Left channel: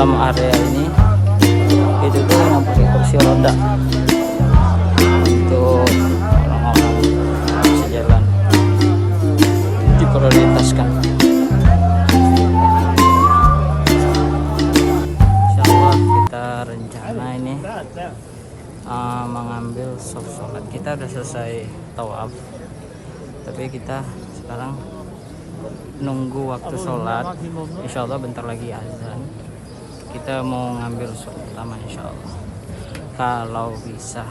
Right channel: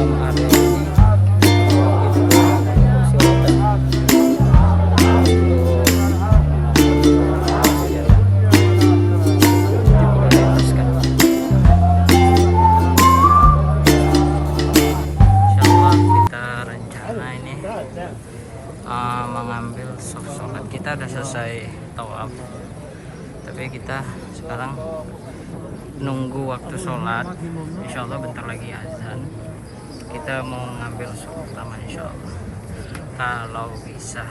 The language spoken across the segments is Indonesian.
dalam area ini itu tuh kursi roda itu bisa jalan diprioritaskan. Insyaallah kita rencana ini mengambil sholat. Kita udah selesai tawaf, tapi kita sekarang nunggu waktu sholat. Insyaallah bentar lagi azan. Kita mau ngambil sholat pertama insyaallah, kalau bisa.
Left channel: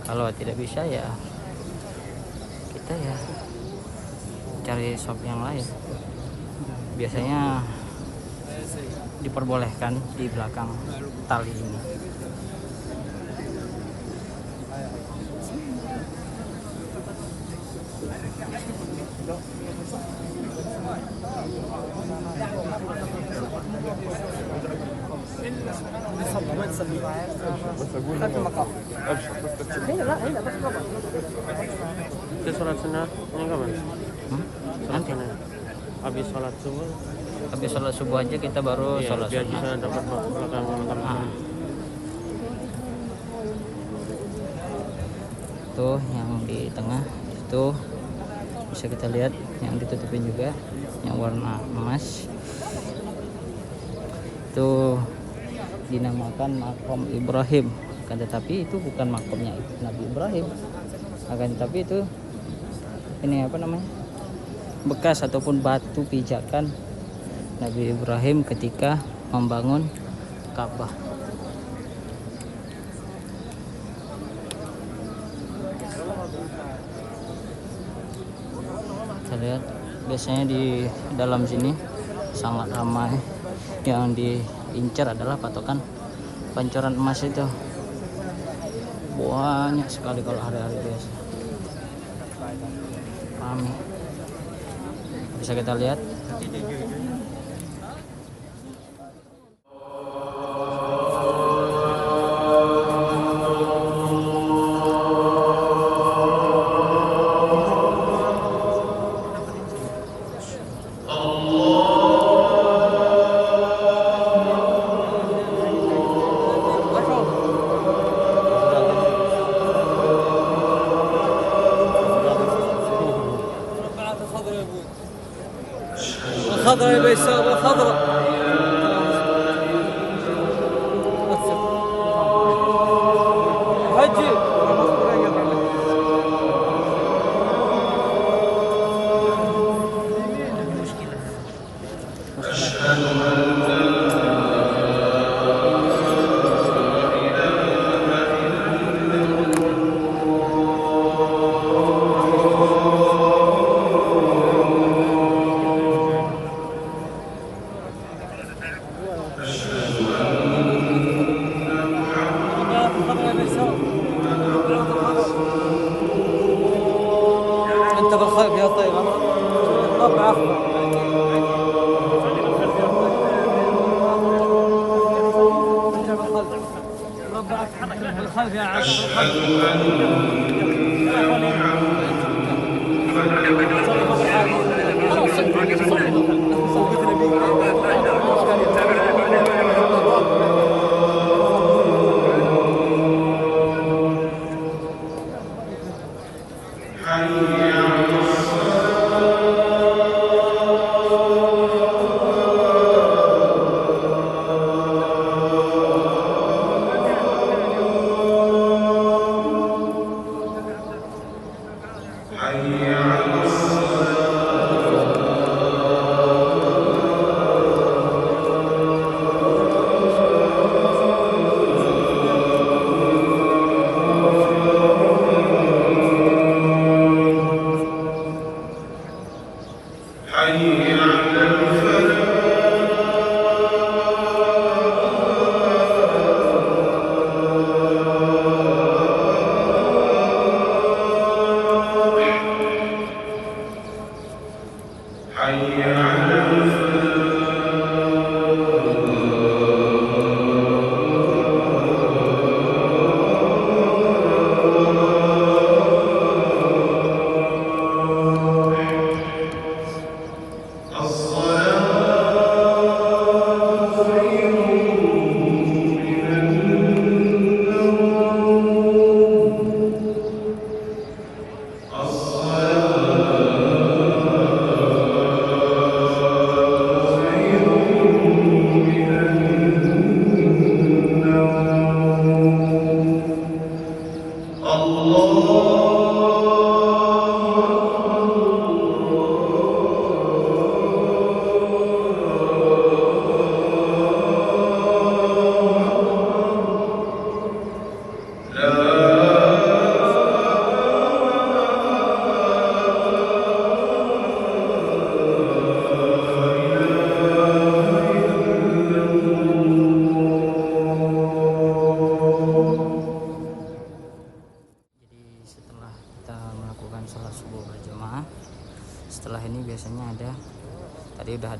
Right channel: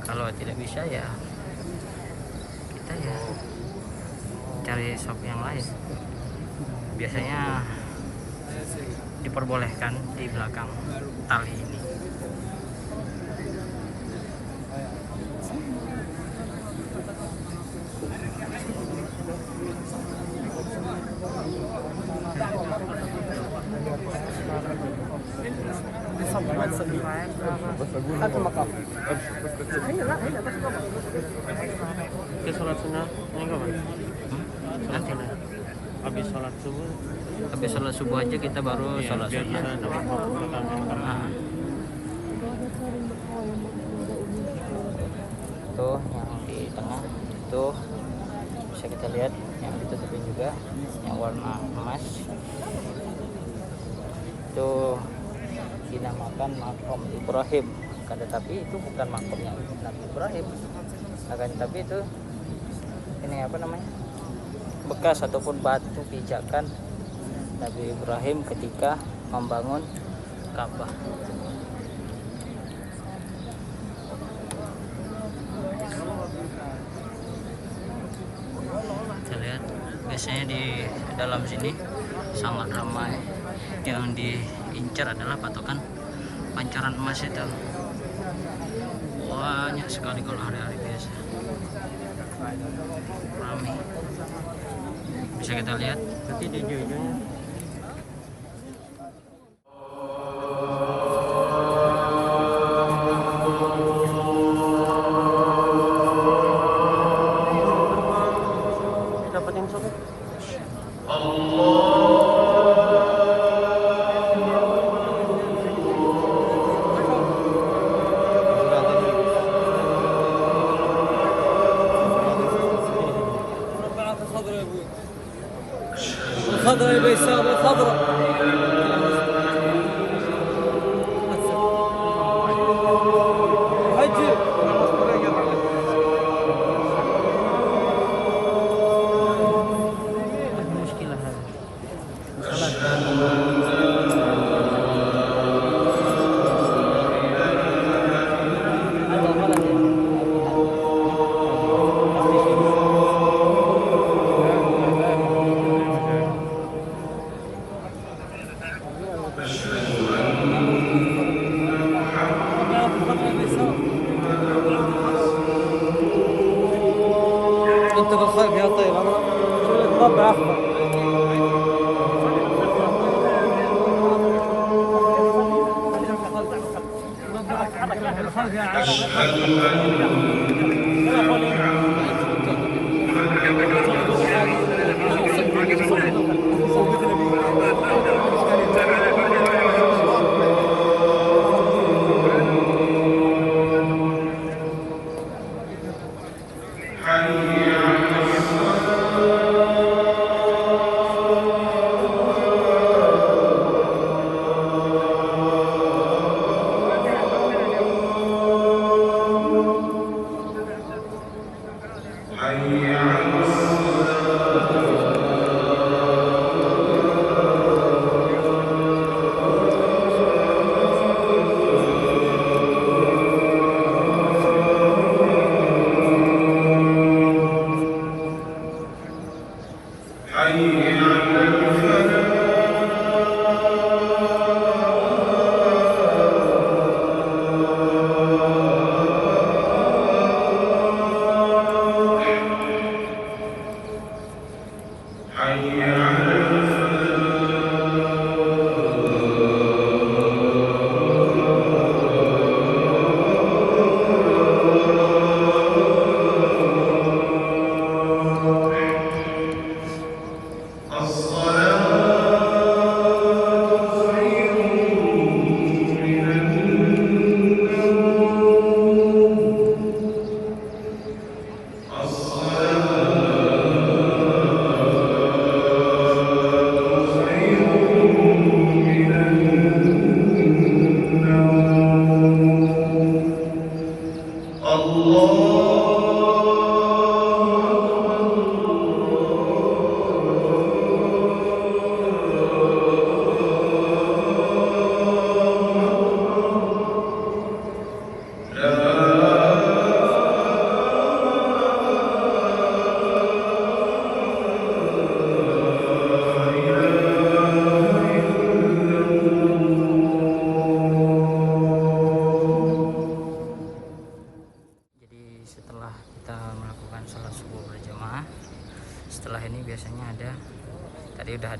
Kalau tidak bisa ya kita ya cari shop yang lain. Biasanya diperbolehkan di belakang tali ini. خلف المقام. هنا هنا Itu sholat sunnah ini kapan? Nanti Habis sholat subuh. habis sholat subuh aja kita baru Iya, sholat biar sunnah. bisa dapat belakangan barang. Tuh yang di tengah itu bisa kita lihat, yang ditutupin juga yang warna emas itu dinamakan makam Ibrahim. Tetapi itu bukan makamnya Nabi Ibrahim, akan tetapi itu ini apa namanya, bekas ataupun batu pijakan Nabi Ibrahim ketika membangun Ka'bah. Kita lihat biasanya di dalam sini sangat ramai. Yang diincar adalah patokan pancoran emas itu. Banyak sekali kalau hari-hari biasa. Ramai. Bisa kita lihat nanti di ujung-ujungnya. الخضراء بيسار الخضراء. حجي انت بالخلف يا طيب ربع اخضر. بالخلف يا عبد. اشهد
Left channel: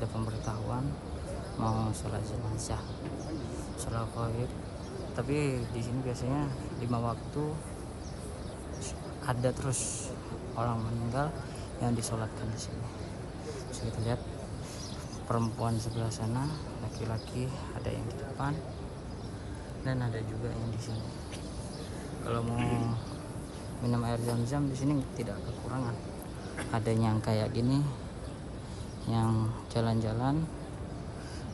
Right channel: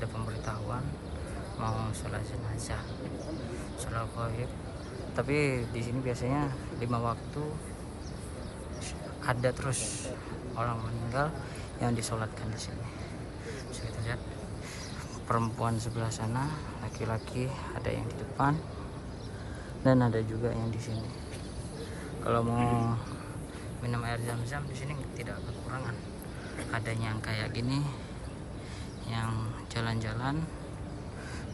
ada pemberitahuan mau sholat jenazah, sholat gaib. Tapi di sini biasanya 5 waktu ada terus orang meninggal yang disolatkan di sini. Bisa kita lihat perempuan sebelah sana, laki-laki ada yang di depan dan ada juga yang di sini. Kalau mau minum air zam-zam di sini tidak kekurangan. Ada yang kayak gini, yang jalan-jalan,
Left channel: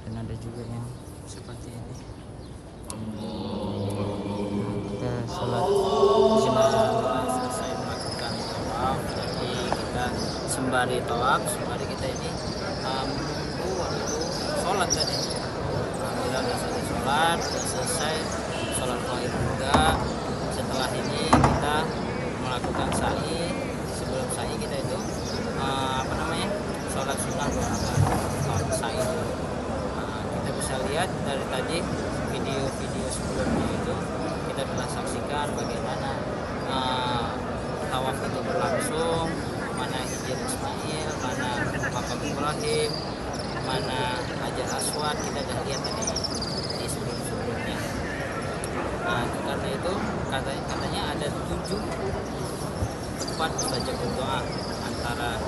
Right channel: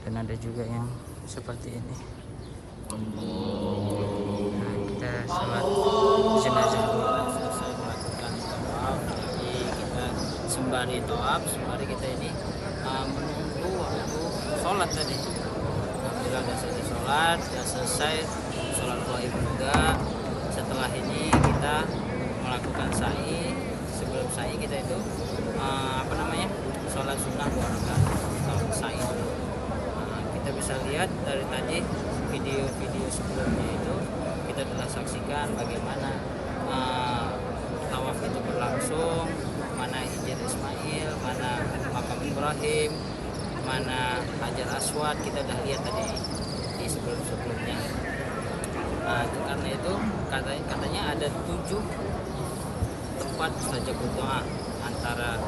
dan ada juga yang seperti ini. Nah, kita sholat jenazah selesai melakukan tawaf. Jadi kita sembari tawaf, sembari kita ini menunggu waktu sholat tadi. Alhamdulillah sudah selesai sholat, sudah selesai sholat gaib juga. Setelah ini kita melakukan sa'i. Sebelum sa'i kita itu sholat sunnah 2 rakaat atau sa'i dulu. Kita bisa lihat dari tadi video-video sebelumnya itu kita telah saksikan bagaimana tawaf itu berlangsung, mana Hijr Ismail, mana Makam Ibrahim, mana Hajar Aswad, kita udah lihat tadi di sebelum-sebelumnya. Karena itu katanya ada 7 tempat mustajabud doa. Antara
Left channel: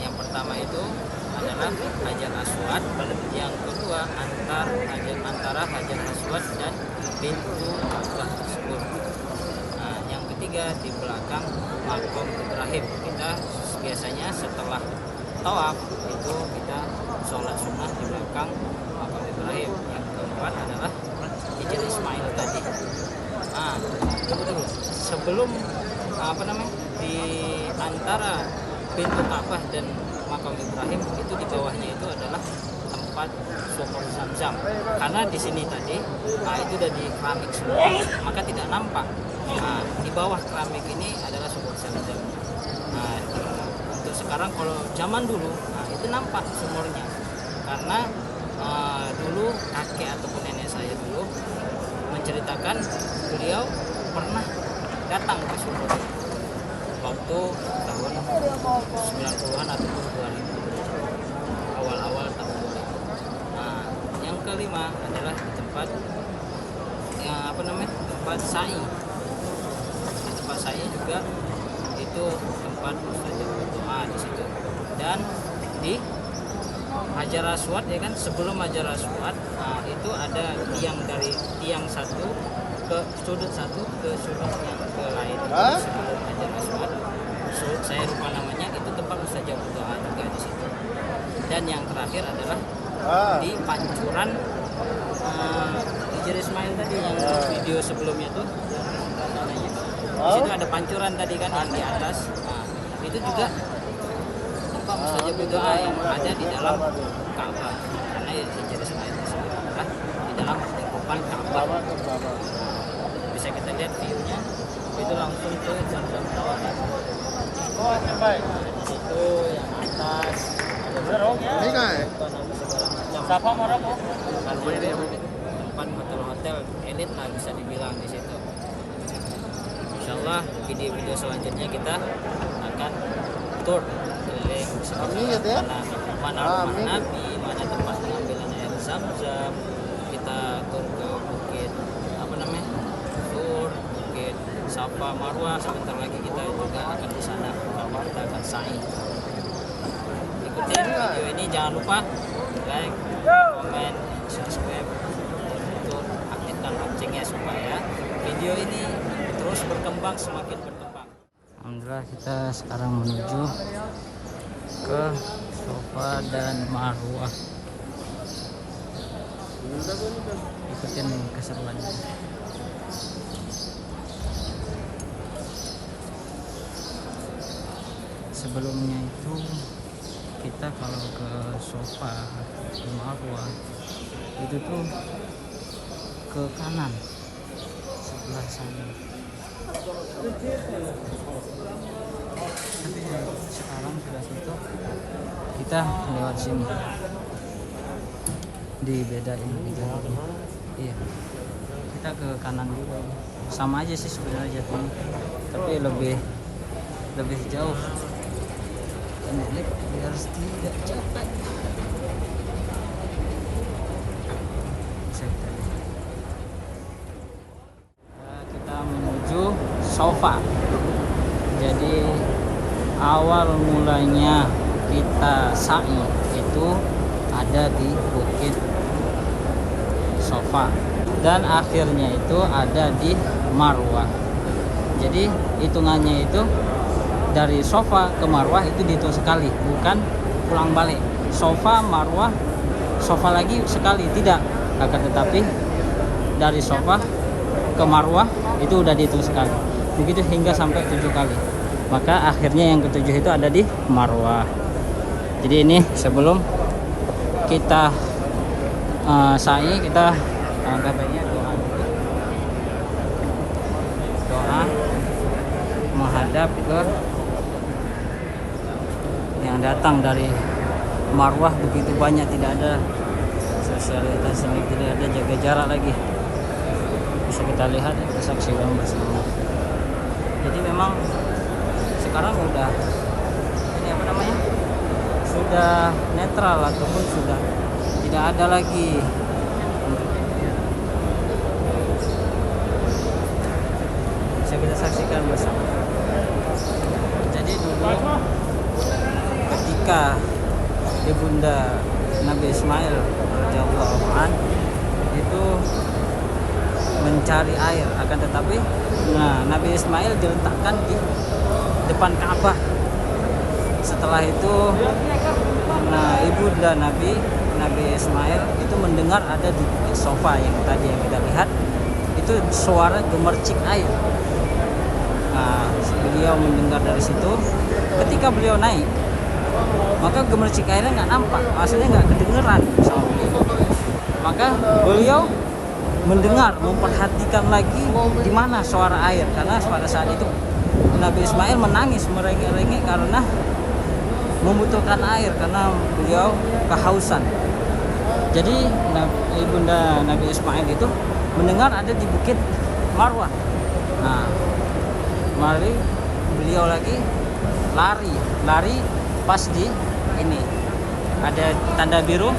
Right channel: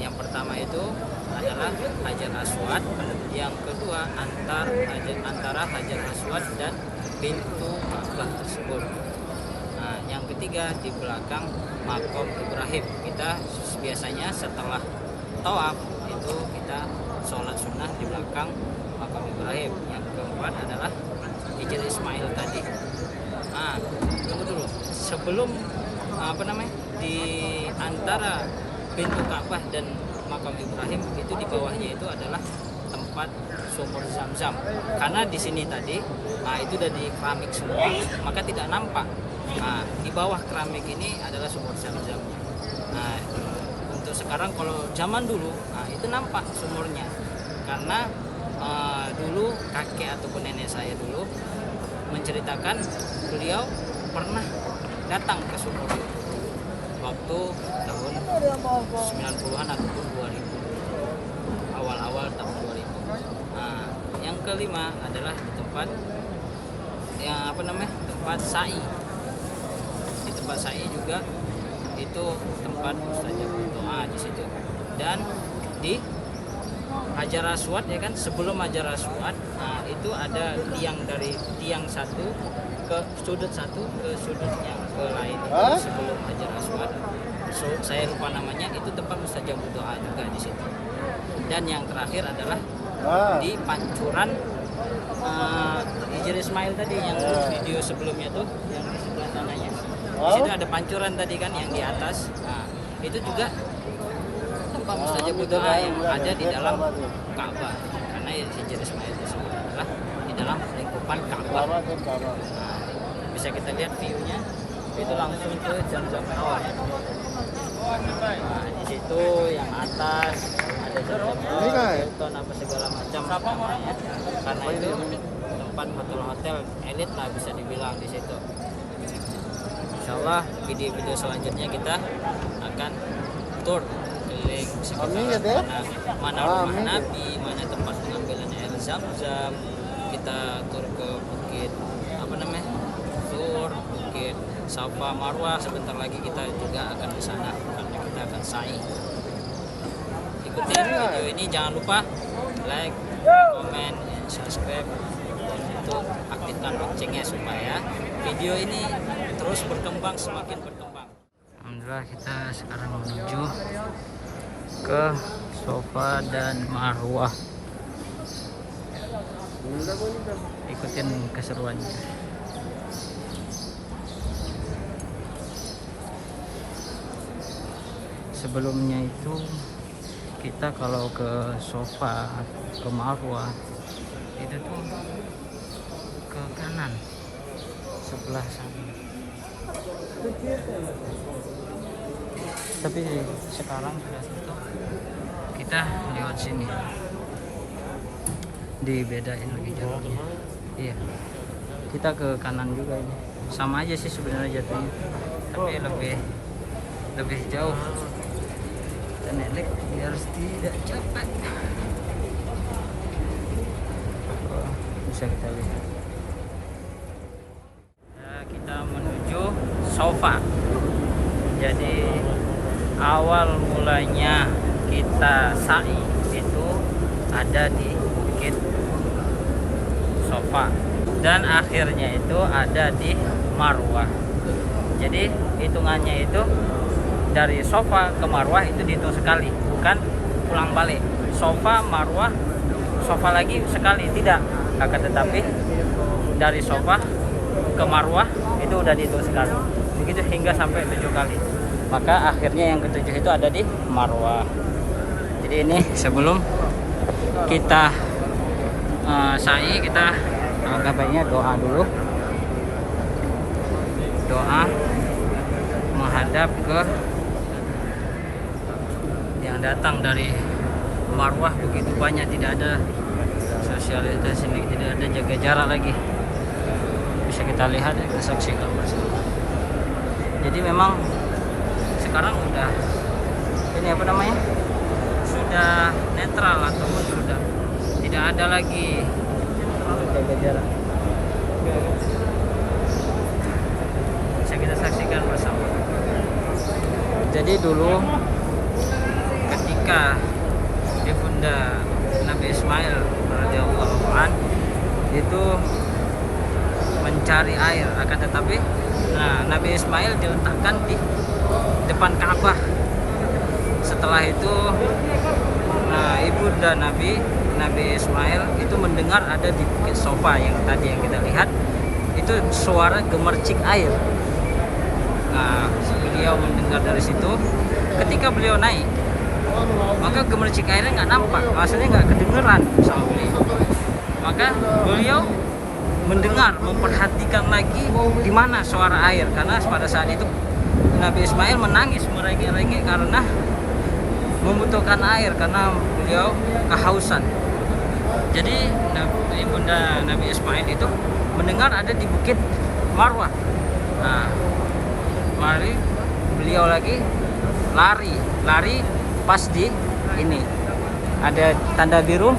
yang pertama itu adalah Hajar Aswad, yang kedua antara Hajar Aswad dan pintu Ka'bah tersebut. Yang ketiga di belakang Makam Ibrahim. Kita biasanya setelah tawaf itu kita sholat sunnah di belakang Makam Ibrahim. Yang keempat adalah Hijr Ismail tadi. Tunggu dulu. Sebelum di antara pintu Ka'bah dan Makam Ibrahim itu di bawahnya itu adalah tempat sumur Zam-Zam. Karena di sini tadi itu udah di keramik semua, maka tidak nampak. Di bawah keramik ini adalah sumur Zam-Zam. Untuk sekarang kalau zaman dulu itu nampak sumurnya. Karena dulu kakek ataupun nenek saya dulu menceritakan beliau pernah datang ke sumur itu waktu tahun 90-an ataupun 2000, awal-awal tahun 2000. Yang kelima adalah di tempat yang tempat sa'i. Di tempat sa'i juga itu tempat mustajabud doa di situ. Dan di Hajar Aswad ya kan, sebelum Hajar Aswad itu ada tiang dari tiang satu ke sudut satu ke sudut yang ke lain itu sebelum Hajar Aswad. Saya lupa namanya, itu tempat mustajabud doa juga di situ. Dan yang terakhir adalah di pancuran Hijr Ismail tadi yang video sebelumnya tuh yang di sebelah tanahnya. Di situ ada pancuran tadi kan yang di atas. Itu juga tempat mustajabud doa yang ada di dalam Ka'bah. Karena Hijr Ismail tersebut adalah di dalam lingkupan Ka'bah. Bisa kita lihat view-nya itu langsung ke Zam-Zam Tower. Itu yang atas Ini kan Siapa orangnya? apa ini? tempat hotel elit lah bisa dibilang di situ. Insyaallah video-video selanjutnya kita akan tour keliling sekitar mana rumah Nabi, mana tempat pengambilan air Zam-Zam. Kita tur ke bukit Tur, bukit Safa Marwah. Sebentar lagi kita juga akan di sana karena kita akan sa'i. Ikutin video ini, jangan lupa like, comment, and subscribe untuk aktifkan loncengnya supaya video ini terus berkembang, semakin berkembang. Alhamdulillah kita sekarang menuju ke Safa dan Marwah. Ikutin keseruannya. Sebelumnya itu kita kalau ke Safa, ke Marwah itu tuh ke kanan sebelah sana. Tapi sekarang sudah situ kita lewat sini, dibedain lagi jalurnya. Iya, kita ke kanan juga ini. Sama aja sih sebenarnya jatuhnya, tapi lebih jauh. Dan biar tidak cepat. bisa kita lihat. Nah, kita menuju Sofa. Jadi awal mulanya kita sa'i itu ada di Bukit Sofa dan akhirnya itu ada di Marwah. Jadi hitungannya itu dari Sofa ke Marwah itu dihitung sekali, bukan pulang balik. Sofa, Marwah, Sofa lagi sekali, tidak. Akan tetapi dari Sofa ke Marwah itu udah dihitung sekali. Begitu hingga sampai 7 kali. Maka akhirnya yang ketujuh itu ada di Marwah. Jadi ini sebelum kita sa'i, kita angkat baiknya doa dulu. Doa menghadap ke yang datang dari Marwah. Begitu banyak, tidak ada sosialisasi, tidak ada jaga jarak lagi. Bisa kita lihat, kita saksikan bersama. Jadi memang sekarang udah ini apa namanya, sudah netral ataupun sudah tidak ada lagi untuk jaga jarak. Bisa kita saksikan bersama. Jadi dulu ketika ibunda Nabi Ismail radhiyallahu an itu mencari air, akan tetapi Nabi Ismail diletakkan di depan Ka'bah. Setelah itu ibunda Nabi Ismail itu mendengar ada di Bukit Sofa yang tadi yang kita lihat itu suara gemercik air. Beliau mendengar dari situ. Ketika beliau naik, maka gemercik airnya nggak nampak, maksudnya nggak kedengeran sama beliau. Maka beliau mendengar, memperhatikan lagi di mana suara air, karena pada saat itu Nabi Ismail menangis merengek-rengek karena membutuhkan air, karena beliau kehausan. Jadi ibunda Nabi Ismail itu mendengar ada di Bukit Marwah. Mari beliau lagi lari pas di ini ada tanda biru,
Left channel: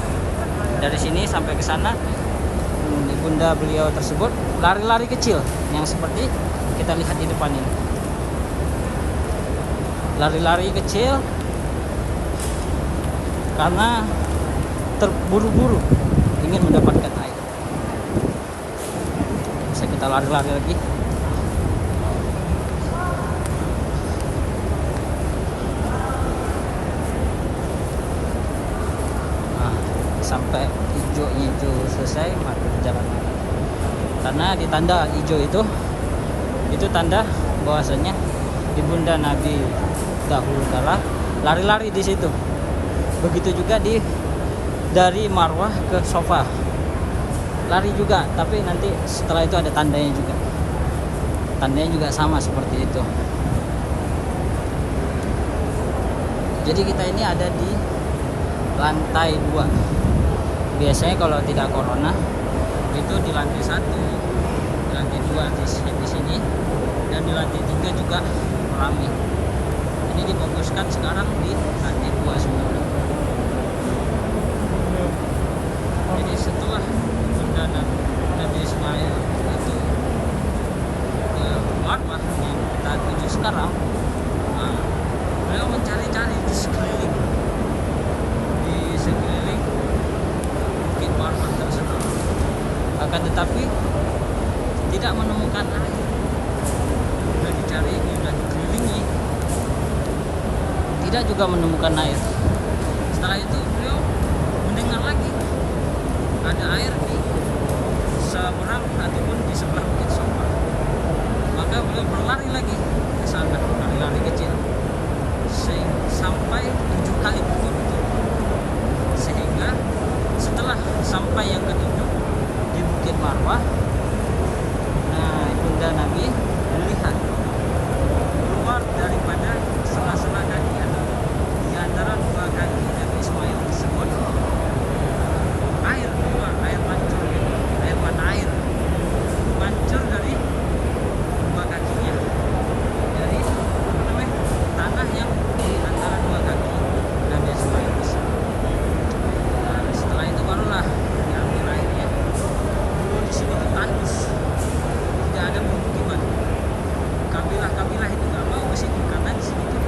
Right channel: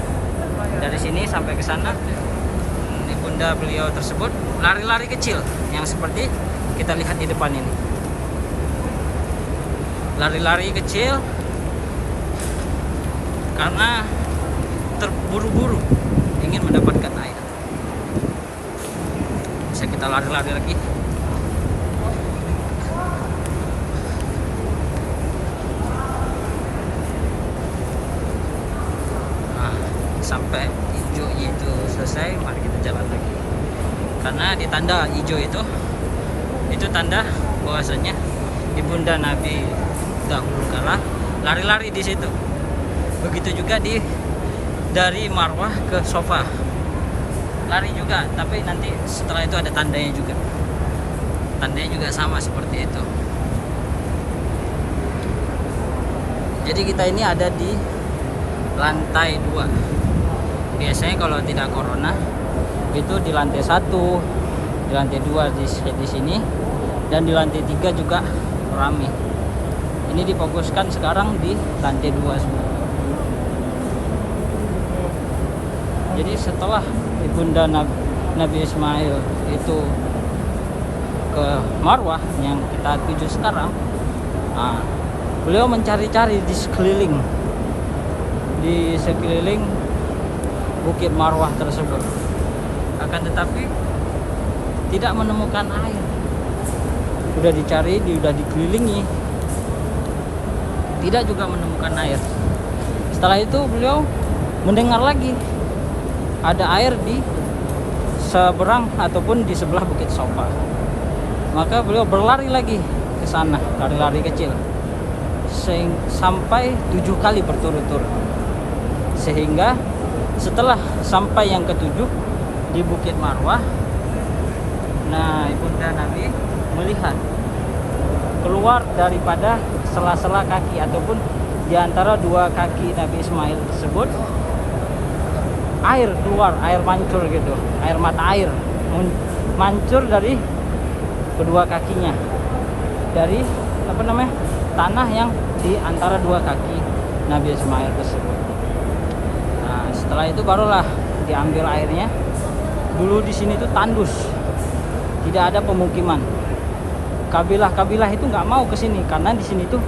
dari sini sampai ke sana. Ibunda beliau tersebut lari-lari kecil yang seperti kita lihat di depan ini, lari-lari kecil karena terburu-buru ingin mendapatkan air. Bisa kita lari-lari lagi. Sampai hijaunya itu selesai, mari kita jalan lagi. Karena di tanda hijau itu tanda bahwasanya ibunda Nabi dahulu kala lari-lari di situ. Begitu juga dari Marwah ke Sofa lari juga, tapi nanti setelah itu ada tandanya juga. Tandanya juga sama seperti itu. Jadi kita ini ada di lantai 2. Biasanya kalau tidak corona itu di lantai 1, di lantai 2 di sini, dan di lantai 3 juga ramai. Ini difokuskan sekarang di lantai 2 sebenarnya. Jadi setelah bunda Nabi Ismail itu ke Marwah yang kita tuju sekarang, beliau mencari-cari di sekeliling Bukit Marwah tersebut, akan tetapi tidak menemukan air. Sudah dicari, sudah dikelilingi, tidak juga menemukan air. Setelah itu beliau mendengar lagi ada air di seberang ataupun di sebelah Bukit Sofa. Maka beliau berlari lagi ke sana, lari-lari kecil sampai 7 kali berturut-turut, sehingga setelah sampai yang ke-7 di Bukit Marwah, ibunda Nabi melihat keluar daripada sela-sela kaki ataupun di antara 2 kaki Nabi Ismail tersebut air keluar, air mancur gitu, air mata air mancur dari kedua kakinya, dari tanah yang di antara 2 kaki Nabi Ismail tersebut. Setelah itu barulah diambil airnya, dulu di sini tuh tandus, tidak ada pemukiman. Kabilah-kabilah itu nggak mau ke sini karena di sini tuh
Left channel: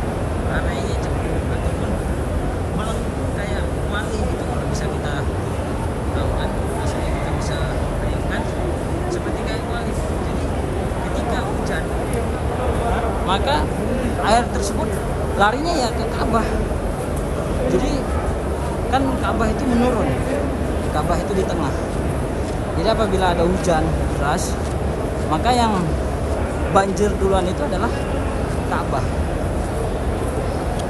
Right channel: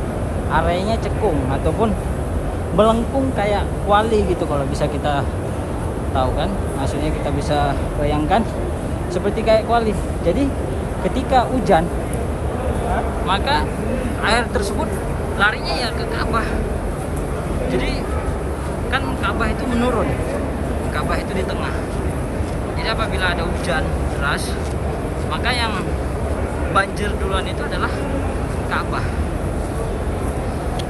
areanya cekung ataupun belengkung kayak kuali gitu, kalau bisa kita tahu kan, maksudnya kita bisa bayangkan seperti kayak kuali. Jadi ketika hujan maka air tersebut larinya ya ke Ka'bah. Jadi kan Ka'bah itu menurun, Ka'bah itu di tengah. Jadi apabila ada hujan deras, maka yang banjir duluan itu adalah Ka'bah,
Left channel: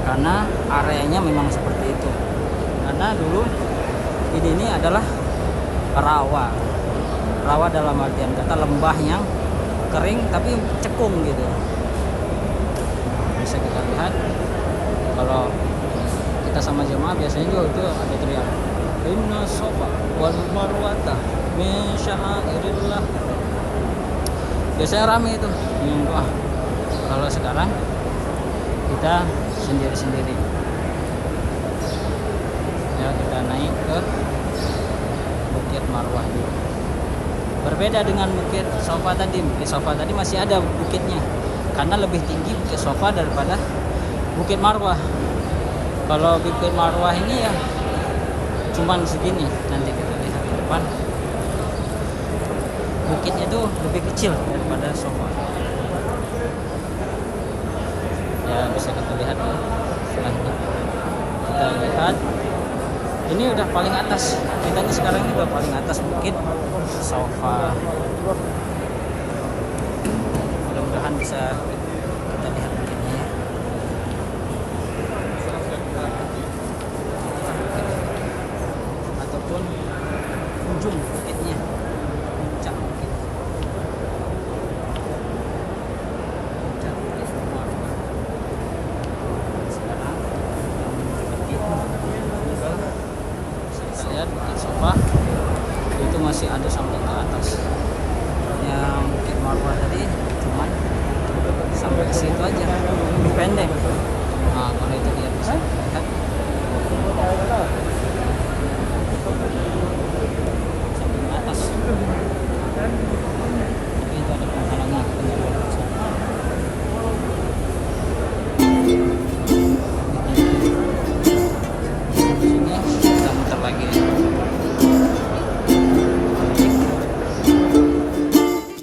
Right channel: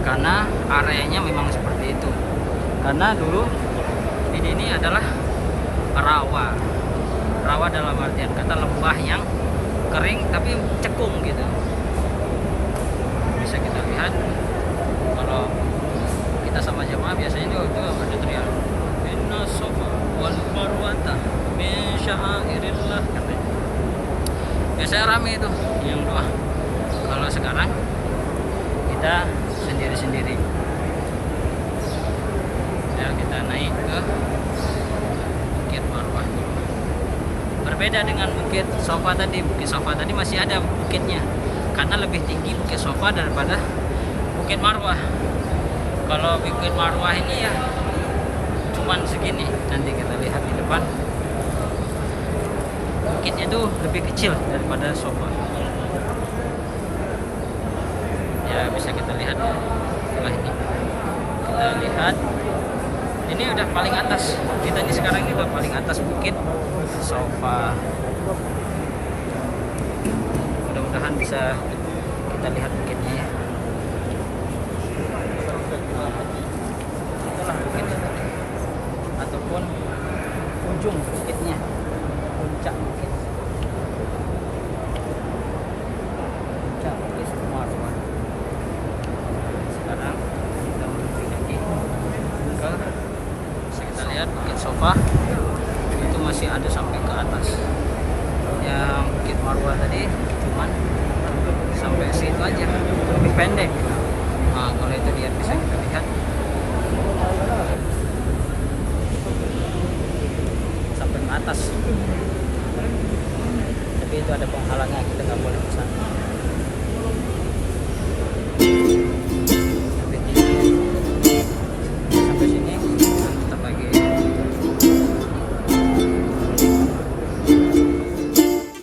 karena areanya memang seperti itu. Karena dulu ini adalah rawa dalam artian kata lembah yang kering tapi cekung gitu. Bisa kita lihat kalau kita sama jemaah biasanya juga ada teriak inna safa wal marwata min sya'airillah. Biasanya rame itu yang doa. Kalau sekarang kita sendiri-sendiri. Ya, kita naik ke Bukit Marwah. Berbeda dengan Bukit Sofa tadi. Bukit Sofa tadi masih ada bukitnya, karena lebih tinggi Bukit Sofa daripada Bukit Marwah. Kalau Bukit Marwah ini ya cuman segini. Nanti kita lihat di depan. Bukitnya itu lebih kecil daripada Sofa. Ya, bisa kita lihat setelah ini. Kita lihat ini udah paling atas. Kita di sekarang juga paling atas Bukit Sofa. Mudah-mudahan bisa kita lihat bukitnya ya. Ataupun ujung bukitnya, puncak bukit. Puncak Bukit Marwah. Sekarang kita menuju kaki ke, bisa kita lihat Bukit Sofa itu masih ada sampai ke atas. Yang Bukit Marwah tadi cuman sampai situ aja, lebih pendek. Nah, kalau itu dia bisa kita lihat sampai ke atas, tapi itu ada penghalangnya, kita nggak boleh